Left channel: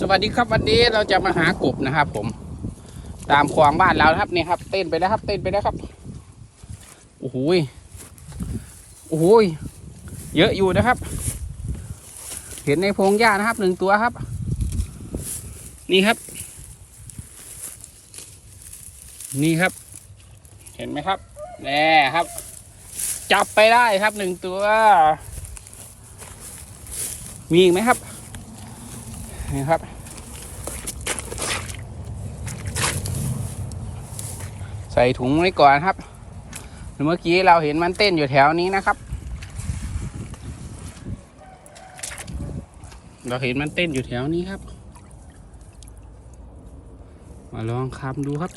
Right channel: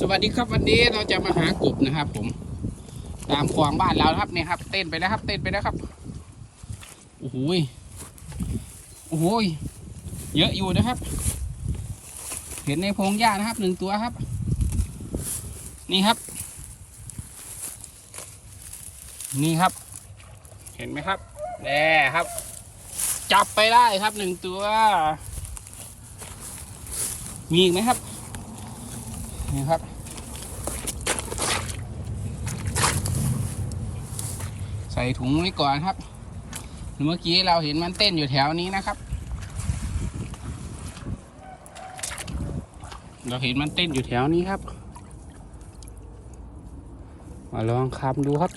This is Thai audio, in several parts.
สวัสดีครับวันนี้เราจะมาหากบนะครับ ผม ตามคลองบ้านเราครับนี่ครับ เต้นไปแล้วครับ เต้นไปแล้วครับโอ้โหโอ้โหเยอะอยู่นะครับ เห็นในพงหญ้านะครับหนึ่งตัวครับ นี่ครับ นี่ครับ เห็นไหมครับแน่ครับ จับไปได้ครับหนึ่งตัว มีอีกไหมครับ นี่ครับใส่ถุงไว้ก่อนครับ เมื่อกี้เราเห็นมันเต้นอยู่แถวนี้นะครับ เราเห็นมันเต้นอยู่แถวนี้ครับ มาลองคำดูครับ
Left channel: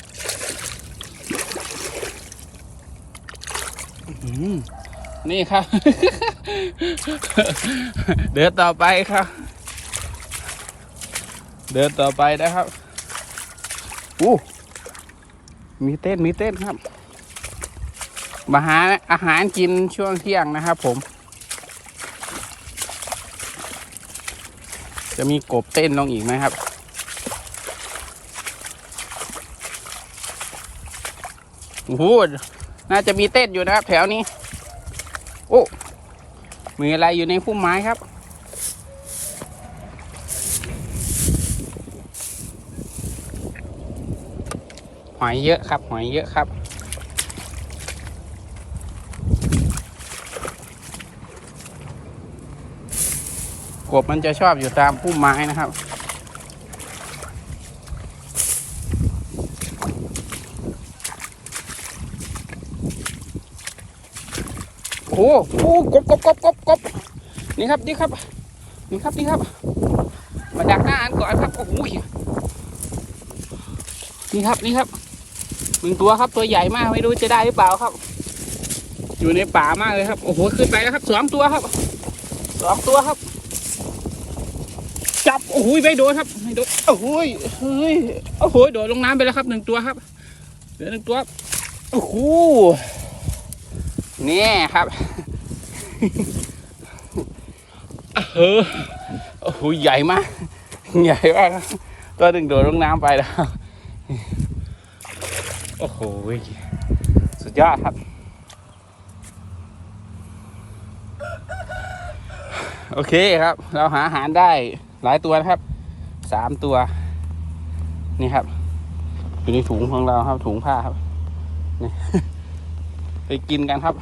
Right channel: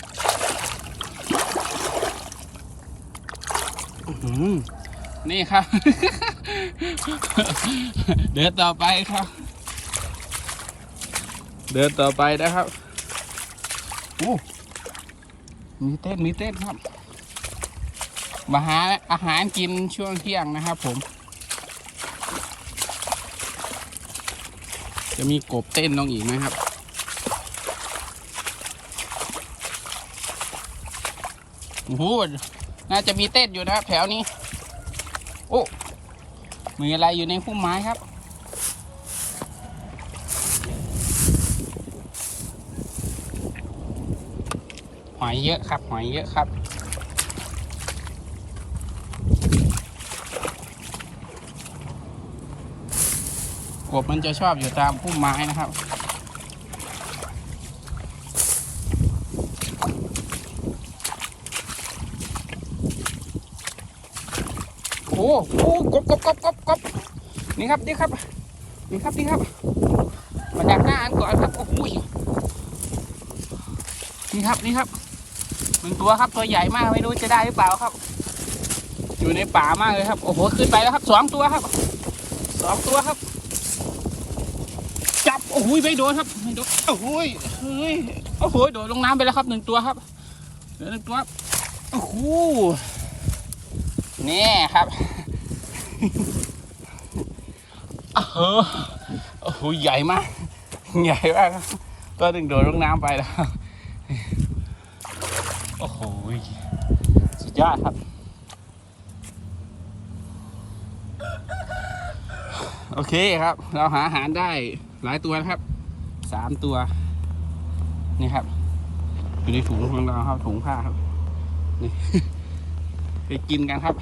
นี่ครับ เดินต่อไปครับ เดินต่อไปนะครับอู้มีเต้นมีเต้นครับ มาหาอาหารกินช่วงเที่ยงนะครับผม จะมีกบเต้นลงอีกไหมครับ โอ้โหน่าจะมีเต้นอยู่นะครับ แถวนี้ โอ้ มีอะไรอยู่ในพุ่มไม้ครับ หอยเยอะครับ หอยเยอะครับ กบมันจะชอบอยู่ตามพุ่มไม้นะครับโอ้โหกบกบกบกบกบนี่ครับนี่ครับนี่ครับนี่ครับมาดักหน้าอันก่อนครับโอ้โหนี่ครับนี่ครับ หนึ่งตัวครับตัวใหญ่มากไม่รู้จะได้หรือเปล่าครับ อยู่ในป่ามากเลยครับโอ้โหขึ้นไปแล้วครับสองตัวครับสองตัวครับ จับโอ้โหไม่โดนครับไม่โดนโอ้โหเฮ้ยโอ้โหโดดลงน้ำไปแล้วครับหนึ่งตัวครับเหลือหนึ่งตัวโอ้โหนี่ครับโอ้โหโอ้โหใหญ่มากใหญ่มากตัวหนึ่งโดดลงน้ำไปแล้ว โอ้โห สุดยอดครับ โอเคครับ เราหาอาหารได้หลายตัวนะครับ สามตัว นี่ครับ อยู่ในถุงของเราครับ ถุงผ้าครับ นี่ ไปกินกันครับ